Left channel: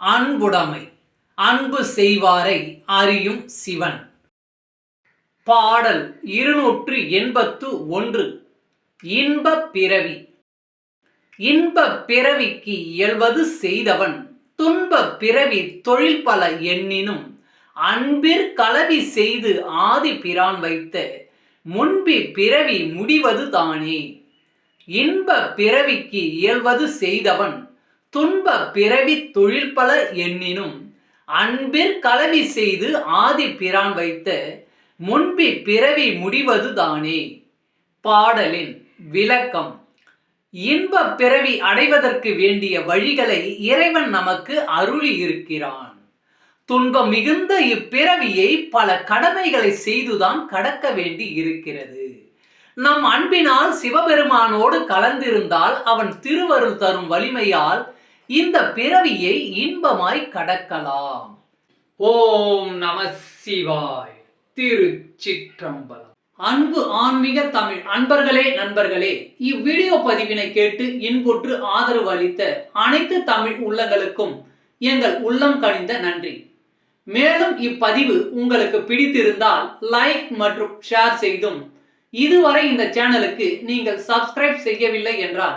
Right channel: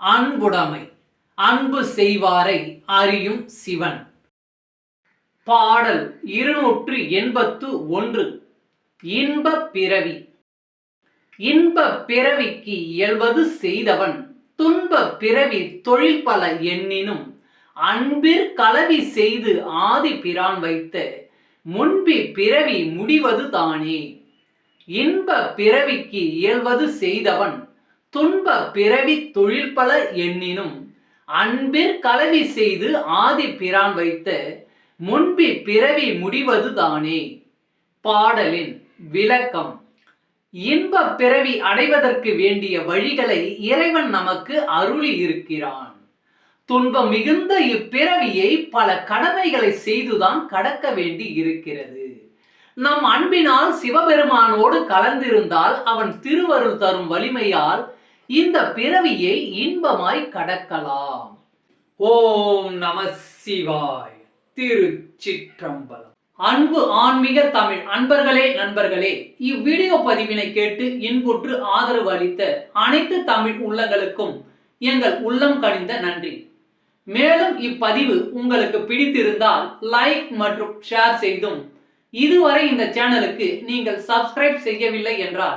அன்புடைமை அன்பு செய்வாரை அறியும் சிவன். பாடல் இருநூற்று எண்பத்து ஒன்று. இன்ப பிறவி. இன்ப பிறவிக்கு இயல்வது செய்தவன் துன்ப பிறவி தொழில் பல எண்ணினும் அன்பிற் கலவி செய்து ஆதி பிரான் வைத்த முன்பி பிறவி முடிவது தானே. இன்ப பிறவிக்கு இயல்வது செய்தவன் துன்ப பிறவி தொழில் பல எண்ணினும் அன்பிற் கலவி செய்து ஆதி பிரான் வைத்த முன்பி பிறவி முடிவது தானே. பாடலின் விளக்கம். இன்ப பிறவி அடைவதற்கு வேண்டிய வழிகளை இறைவன் நமக்கு அருளி இருக்கிறான். துன்பம் மிகுந்த இப்பிறவியை பல கடமைகளை செய்துதான் கடக்க வேண்டி இருக்கிறது. நம் அன்பினால் சிவபெருமானோடு கலந்திருந்தால் அவன் திருவருள் தரும் வலிமையால் இந்த பிறவியை இன்பமாய் கடக்கலாம். ஓம் நம சிவாய் திருச்சிற்றம்பலம். அன்பு ஆன்மீக தமிழ் அன்பர்களே நண்பர்களே இவ்வீடியோ பதிவினை கேட்டு இன்புற்று ஆதரவு அளித்த அனைத்து தமிழ் உள்ளங்களுக்கும் எங்கள் உள்ளம் கனிந்த நன்றி. மேலும் இப்பதிவு உங்களுக்கு பிடித்திருந்தால் லைக் மற்றும் ஷேர் செய்தும் இதுவரை இந்த சேனலுக்கு நீங்கள் சப்ஸ்கிரைப் செய்யவில்லை என்றால்